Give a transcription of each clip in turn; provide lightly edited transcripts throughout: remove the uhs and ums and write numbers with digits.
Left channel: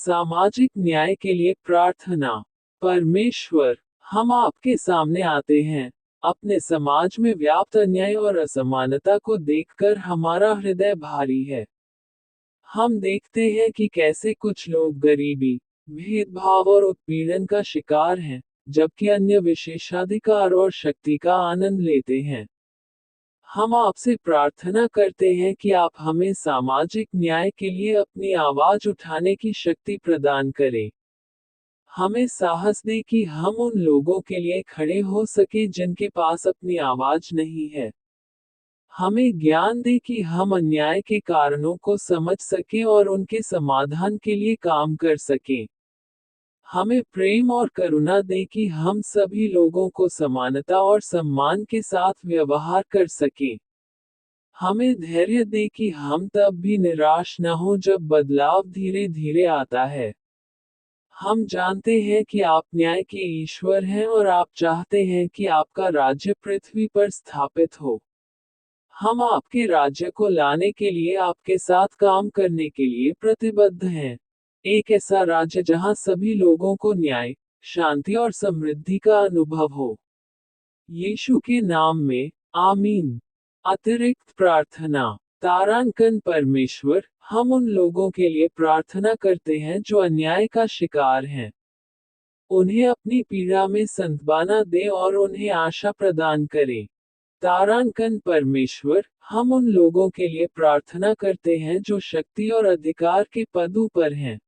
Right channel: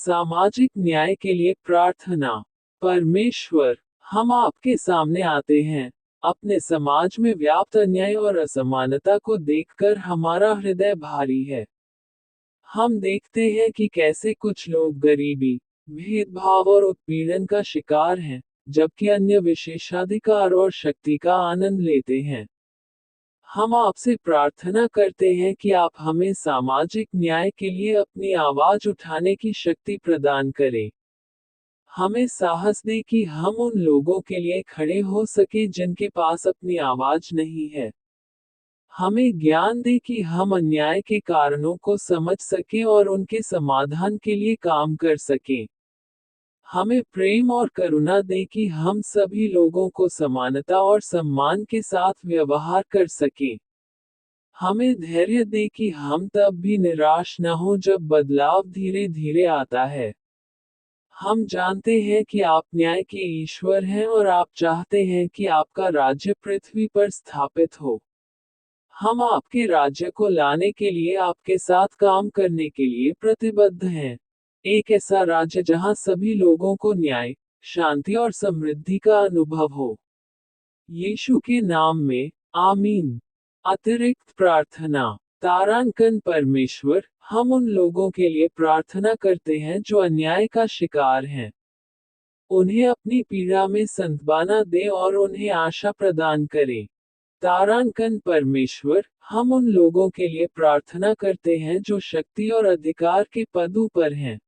सामाजिक न्याय के लिए प्रार्थना। परमेश्वर, हम आपके सामने आते हैं। अपने समाज में व्याप्त अन्याय और असमानता को देखकर हमारा हृदय भारी है। हम देखते हैं कि कैसे कुछ लोग गरीबी, भेदभाव और उत्पीड़न का शिकार हैं, जबकि अन्य विशेषाधिकार और शक्ति का आनंद लेते हैं। हम आपसे प्रार्थना करते हैं कि आप हमें सामाजिक न्याय के लिए अपनी आवाज उठाने की शक्ति प्रदान करें। हमें साहस दें कि हम उन लोगों के लिए खड़े हो सके जिनके पास अपनी आवाज नहीं है। हमें ज्ञान दे कि हम अन्याय के कारणों को समझ सकें और उनके समाधान के लिए काम कर सकें। हमें प्रेम और करुणा दे कि हम सभी लोगों को समानता और सम्मान के साथ व्यवहार कर सकें। हमें धैर्य दे कि हम तब भी निराश न हो जब बदलाव धीरे धीरे आता है। हम जानते हैं कि आप न्याय के ईश्वर हैं और आप चाहते हैं कि आपका राज्य पृथ्वी पर स्थापित हो। हम आपके राज्य को लाने के लिए आपके साथ काम करने के लिए प्रतिबद्ध हैं। एक ऐसा राज्य जहां सभी लोगों को न्याय, शांति और समृद्धि का अनुभव हो। यीशु के नाम में, आमीन। अतिरिक्त प्रार्थना। तारांकन परमेश्वर, हम उन लोगों के लिए प्रार्थना करते हैं जो अन्याय का शिकार हैं। उन्हें अपनी पीड़ा में सांत्वना दे और उन्हें आशा प्रदान करें। तारांकन परमेश्वर, हम उन लोगों के लिए प्रार्थना करते हैं जो शक्ति और अधिकार के पदों पर हैं।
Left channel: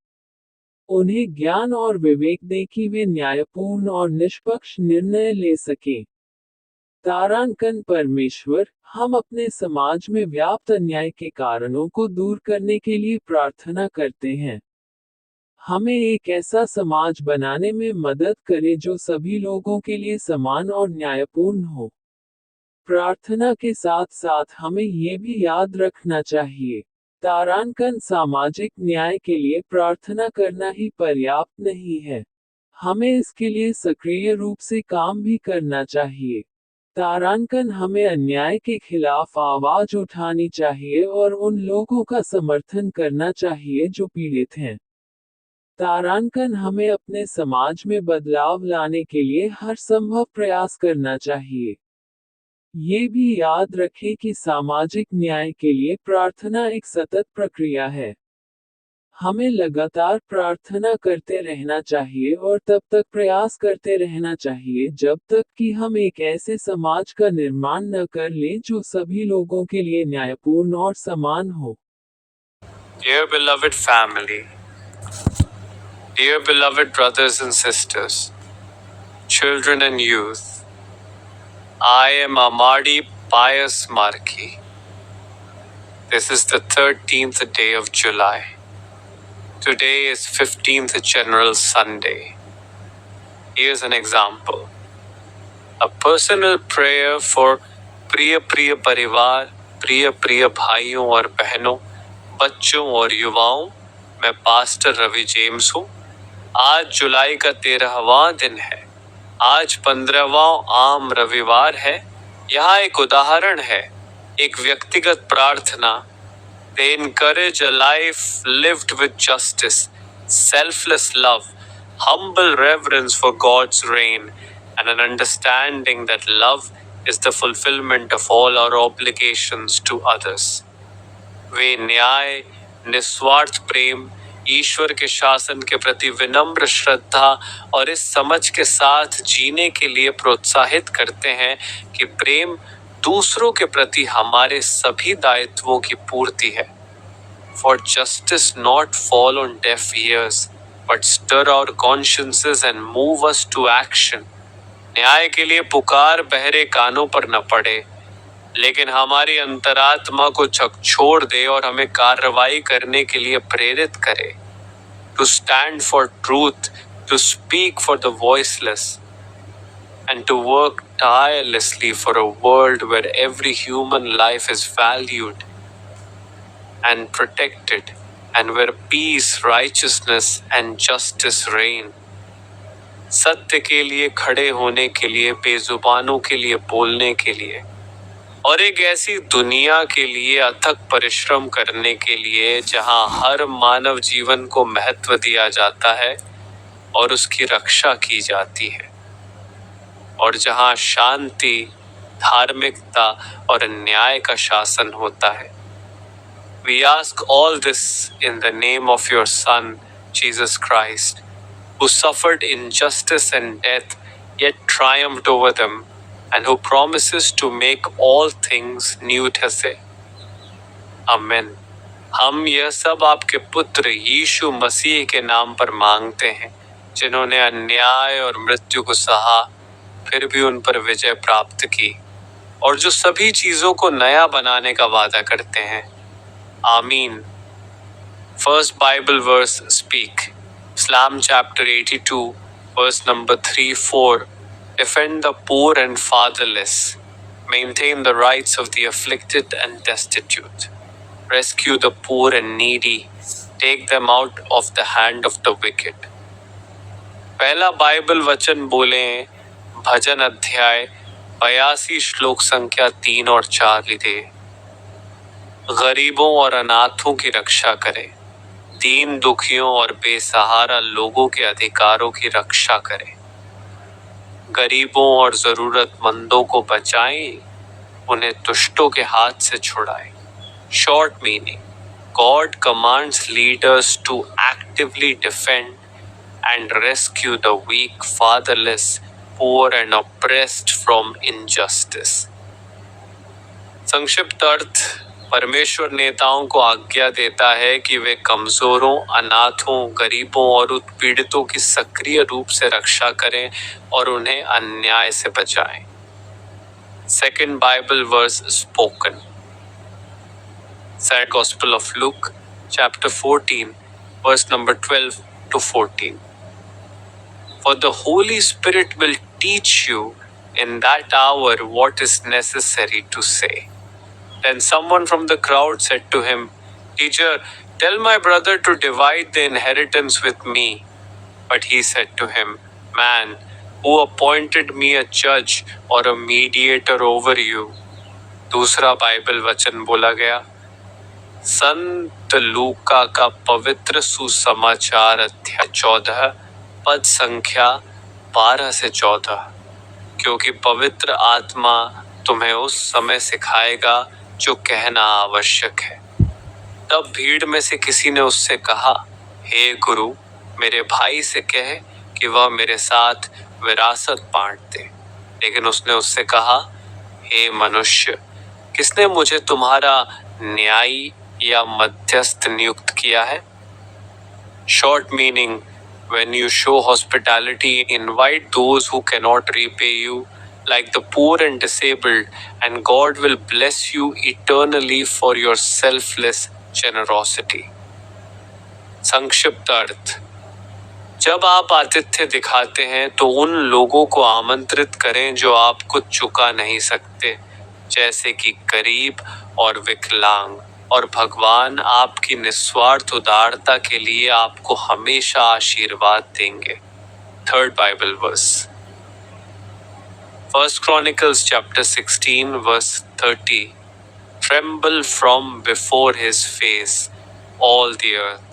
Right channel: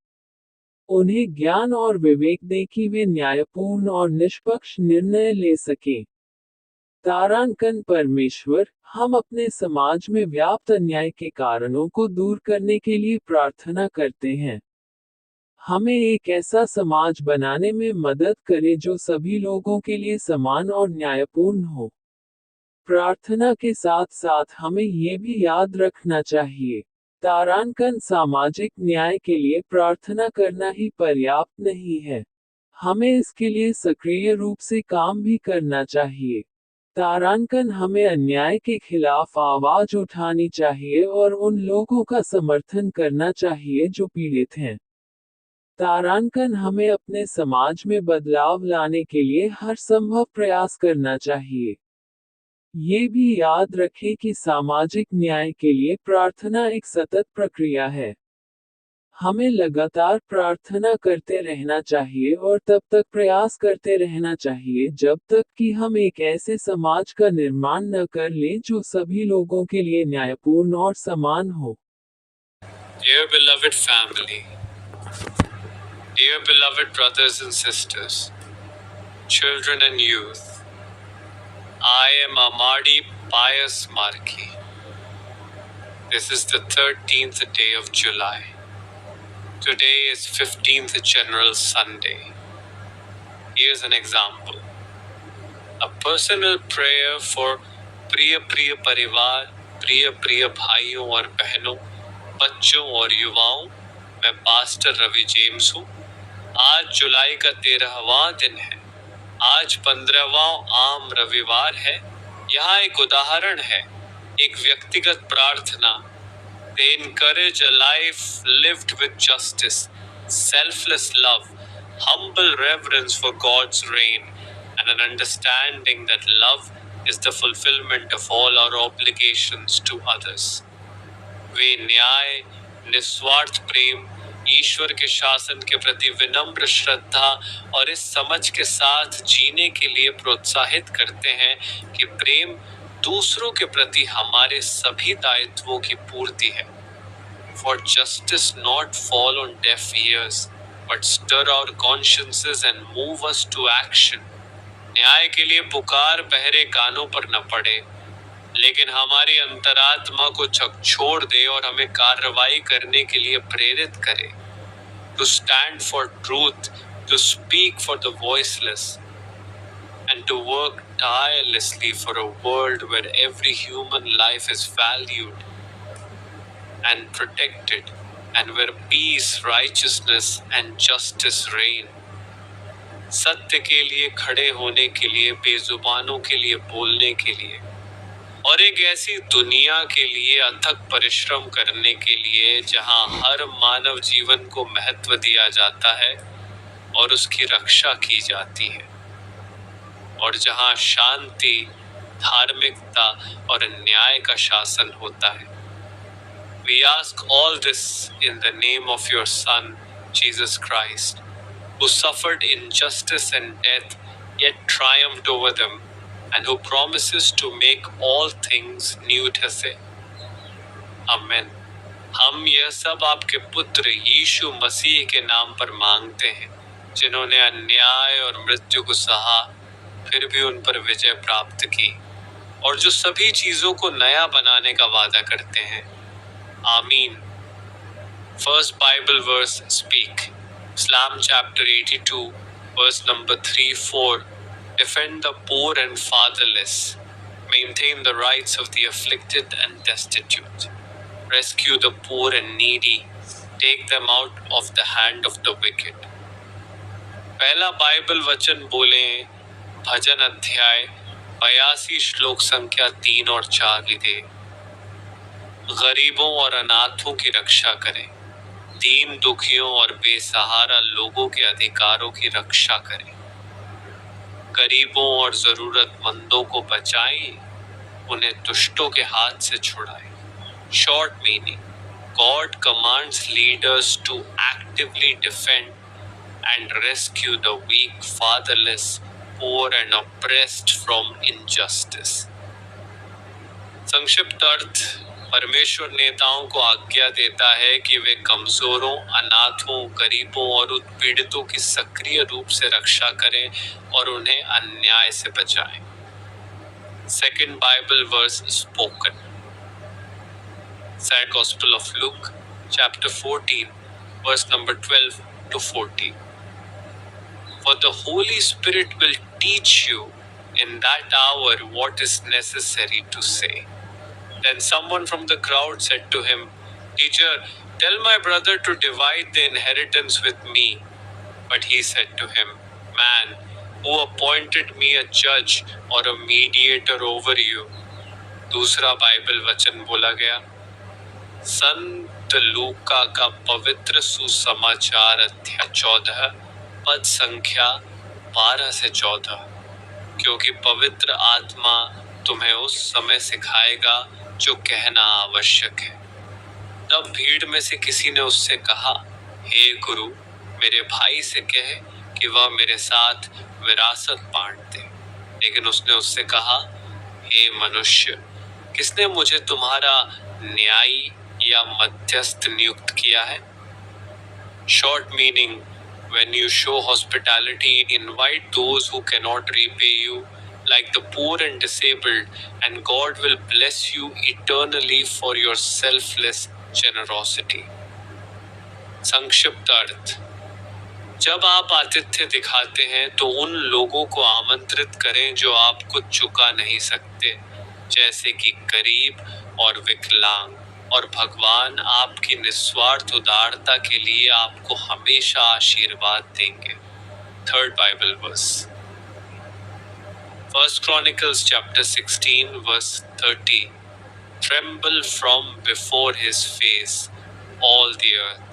उन्हें ज्ञान और विवेक दे कि वे न्यायपूर्ण और निष्पक्ष निर्णय ले सकें। तारांकन परमेश्वर, हम अपने समाज में व्याप्त अन्याय के कारणों को दूर करने के लिए प्रार्थना करते हैं। हमें एक ऐसा समाज बनाने में मदद करें जो सभी लोगों के लिए समान और न्यायपूर्ण हो। प्रार्थना के साथ साथ हमें ये भी याद रखना चाहिए, तारांकन सामाजिक न्याय के लिए प्रार्थना करना ही पर्याप्त नहीं है। हमें इसके लिए सक्रिय रूप से काम भी करना चाहिए। तारांकन हमें अन्याय के खिलाफ आवाज उठानी चाहिए और उन लोगों का समर्थन करना चाहिए जो पीड़ित हैं। तारांकन हमें अपने समाज में बदलाव लाने के लिए हर संभव प्रयास करना चाहिए। ये भी याद रखें कि सामाजिक न्याय के लिए प्रार्थना एक सतत प्रक्रिया है। हमें लगातार प्रार्थना करते रहना चाहिए और तब तक प्रयास करते रहना चाहिए जब तक कि हम एक ऐसे समाज का निर्माण न कर लें जो सभी लोगों के लिए न्यायपूर्ण और समान हो। Dear beloved family, dear beloved brothers and sisters, children and youth, I am Amadi Pius Marki. This is the 13th day of July. Today is 15th General Sunday. Here's an example. A personal prayer for प्रिय परिवार, प्रिय भाइयों और बहनों, बच्चों और युवाओं। मैं पास्टर रवि जेम्स हूँ। आज जुलाई का 13वां दिन है। आज 15वां आम रविवार है। यहाँ एक उदाहरण है, एक व्यक्तिगत प्रार्थना। They encourage a life lived with justice, selfless love, humble reverence for God's reign, and an understanding that love is the fulfillment of all our obligations to others. वे न्याय, निस्वार्थ प्रेम, ईश्वर के शासन के प्रति विनम्र श्रद्धा और इस समझ के साथ जीने के लिए प्रोत्साहित करते हैं कि प्रेम दूसरों के प्रति हमारे सभी दायित्वों की पूर्ति है। For justice not fall on deaf ears, but stir our consciences and move us to action. न्याय के लिए पुकार बहरे कानों पर न पड़े, लेकिन हमारी अंतरात्मा को झकझोर दे और हमें कार्रवाई करने के लिए प्रेरित करे। To stand for truth, to speak for the voiceless, and to work tirelessly for a world where every human life is valued and protected, and where peace, righteousness and justice reign. सत्य के लिए खड़े होने के लिए, बेजुबानों के लिए बोलने के लिए, और एक ऐसी दुनिया के लिए अथक परिश्रम करने के लिए जहां हर मानव जीवन को महत्व दिया जाता है और उसकी रक्षा की जाती है, और जहां शांति, धार्मिकता और न्याय का शासन होता है। We ask all this in the name of your Son, Jesus Christ, who suffered injustice and death, yet triumphed over them, and who promises to make all things new ठहसे। Amen। हम यह सब आपके पुत्र यीशु मसीह के नाम पर मांगते हैं, जिन्होंने अन्याय और मृत्यु को सहा, फिर भी उन पर विजय प्राप्त की, और जो सभी चीजों को नया बनाने का वादा करते हैं। आमीन। First Bible verse speak. Psalm chapter 82, verse number 3-4. Defend the poor and fatherless. Maintain the rights of the afflicted and destitute. Rescue the poor and needy. Take them out of the hand of the wicked. पहला Bible वचन बोले भजन अध्याय 82 श्लोक संख्या 3 और 4 लिखे। गरीबों और अनाथों की रक्षा करें, दीन दुखियों और बेसहारा लोगों के अधिकारों की रक्षा करें, गरीबों और जरूरतमंदों को बचाएं, उन्हें दुष्टों के हाथ से छुड़ाएं। Short meaning, God commands leaders to actively defend and rescue the weak, fatherless, poor and oppressed from injustice. संक्षिप्त अर्थ, परमेश्वर नेताओं को आज्ञा देता है कि वे कमजोरों, अनाथों, गरीबों और उत्पीड़ितों की सक्रिय रूप से रक्षा करें और उन्हें अन्याय से बचाएं। Second Bible verse spoken. Sad Gospel of Luke, chapter 14, verse number 12 to 14. For the Holy Spirit will teach you in that hour what is necessary to say. Then someone from the crowd said to him, Teacher, tell my brother to divide the inheritance with me. But he said to him, Man, who appointed me a judge or a mediator over you? दूसरा Bible वचन बोला गया संत लूका का पवित्र सुसमाचार अध्याय 14 पद संख्या 12 से 14। क्योंकि पवित्र आत्मा तुम्हें उस समय सिखाएगा जो कहना आवश्यक है। तब भीड़ में से किसी ने उससे कहा, हे गुरु, मेरे भाई से कहे कि वह मेरे साथ विरासत बांट दे। लेकिन उसने उससे कहा, हे मनुष्य, किसने मुझे तुम्हारा न्यायी या मध्यस्थ नियुक्त किया है? Short meaning, when you show hospitality, invite those who cannot repay you, like the poor and disabled, and God will bless you eternally for your selfless generosity. संक्षिप्त अर्थ, जब आप आतिथ्य दिखाते हैं तो उन लोगों को आमंत्रित करें जो आप कुछ चुका नहीं सकते, जैसे कि गरीब और विकलांग, और भगवान आपकी निस्वार्थ उदारता के लिए आपको हमेशा आशीर्वाद देंगे। Third Bible verse, first Chronicles chapter 16 verse 30। Tremble from before his face, all the earth.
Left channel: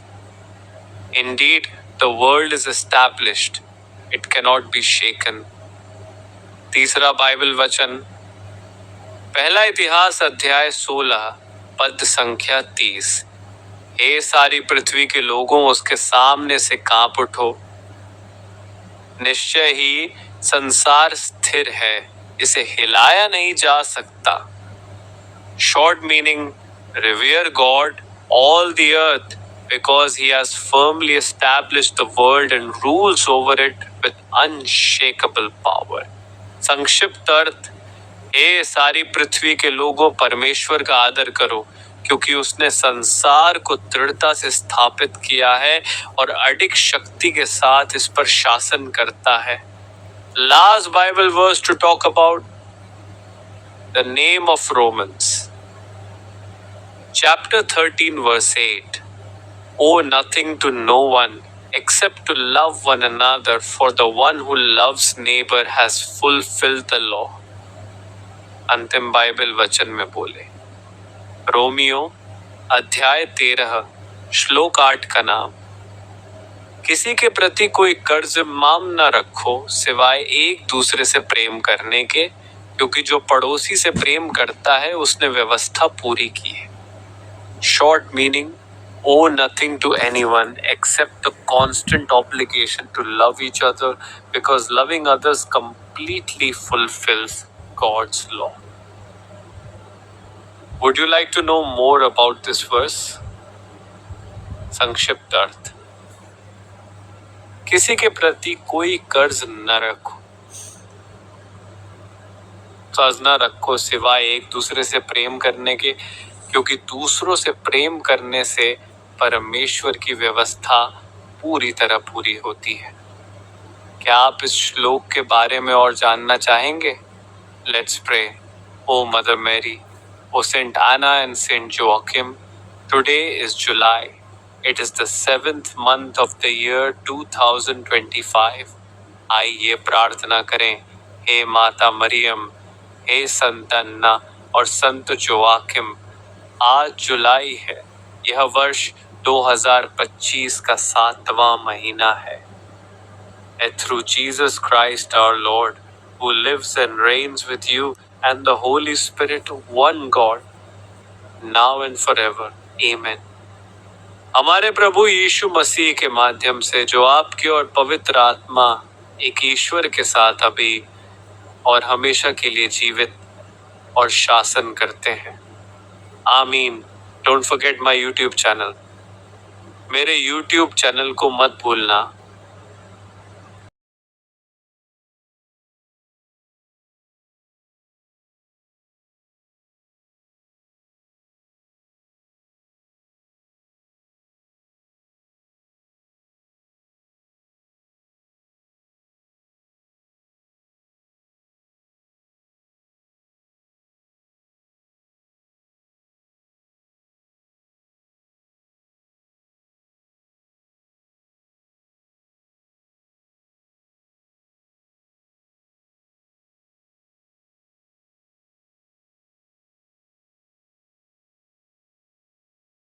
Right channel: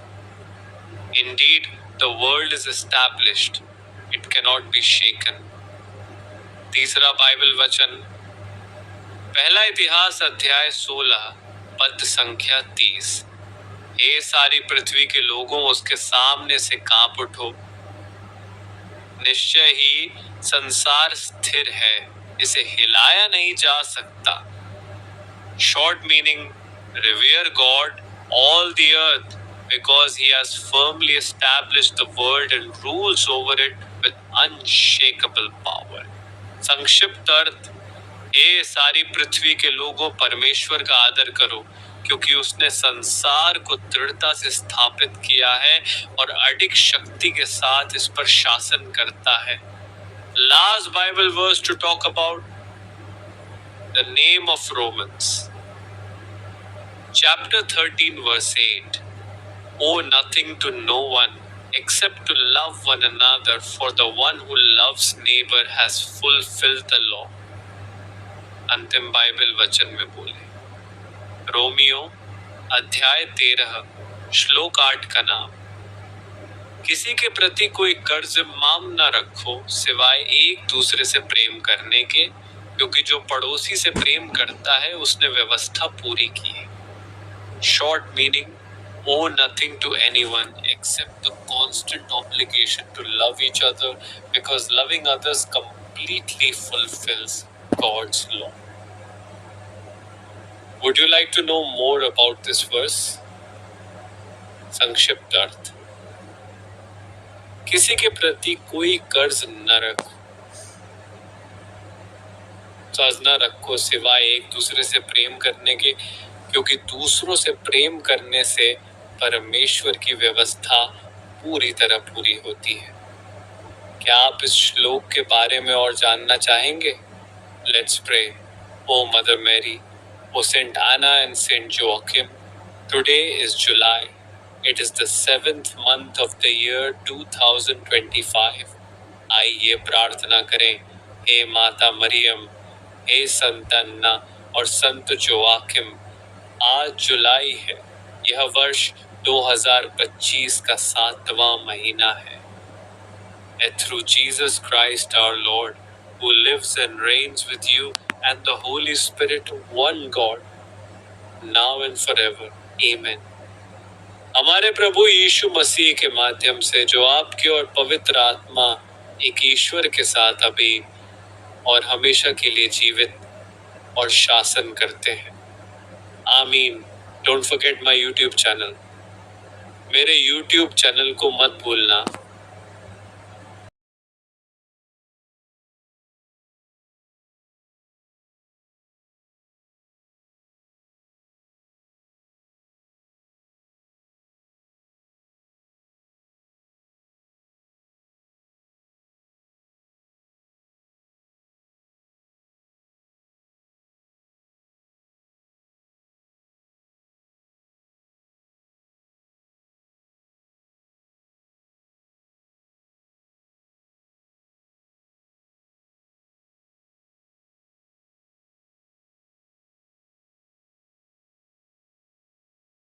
Indeed, the world is established, it cannot be shaken. तीसरा बाइबल वचन, पहला इतिहास अध्याय 16 पद संख्या 30। हे सारी पृथ्वी के लोगों, उसके सामने से कांप उठो। निश्चय ही संसार स्थिर है, इसे हिलाया नहीं जा सकता। Short meaning, revere God all the earth because he has firmly established the world and rules over it with unshakable power. संक्षिप्त अर्थ, हे सारी पृथ्वी के लोगों, परमेश्वर का आदर करो, क्योंकि उसने संसार को दृढ़ता से स्थापित किया है और अडिग शक्ति के साथ इस पर शासन करता है। Last Bible verse to talk about the name of Romans, chapter 13 verse 8. Owe nothing to no one except to love one another, for the one who loves neighbor has fulfilled the law. अंतिम Bible वचन में बोले। Romeo अध्याय 13 श्लोक 8 का नाम, किसी के प्रति कोई कर्ज माम न रखो सिवाय एक दूसरे से प्रेम करने के, क्योंकि जो पड़ोसी से प्रेम करता है उसने व्यवस्था पूरी की है। Short meaning, owe nothing to anyone except the constant obligation to love each other, because loving others completely fulfills God's law. Would you like to know more about this verse? संक्षिप्त अर्थ, किसी के प्रति कोई कर्ज न रखो, कर्ज न रखो सिवाय एक दूसरे से प्रेम करने के, क्योंकि दूसरों से प्रेम करने से परमेश्वर की व्यवस्था पूरी तरह पूरी होती है। क्या आप इस श्लोक के बारे में और जानना चाहेंगे? Let's pray. O Mother Mary, O Saint Anna and Saint Joachim, today is July, it is the 7th month of the year 2025। आइए प्रार्थना करें। हे माता मरियम, हे संत अन्ना और संत जोआकिम, आज जुलाई है, यह वर्ष 2025 का 7वां महीना है। And through Jesus Christ our Lord, who lives and reigns with you and the Holy Spirit, one God, now and forever. Amen. हमारे प्रभु यीशु मसीह के माध्यम से जो आपकी और पवित्र आत्मा एक ईश्वर के साथ अभी और हमेशा के लिए जीवित और शासन करते हैं। आमीन। Don't forget my YouTube channel. मेरे YouTube चैनल को मत भूलना।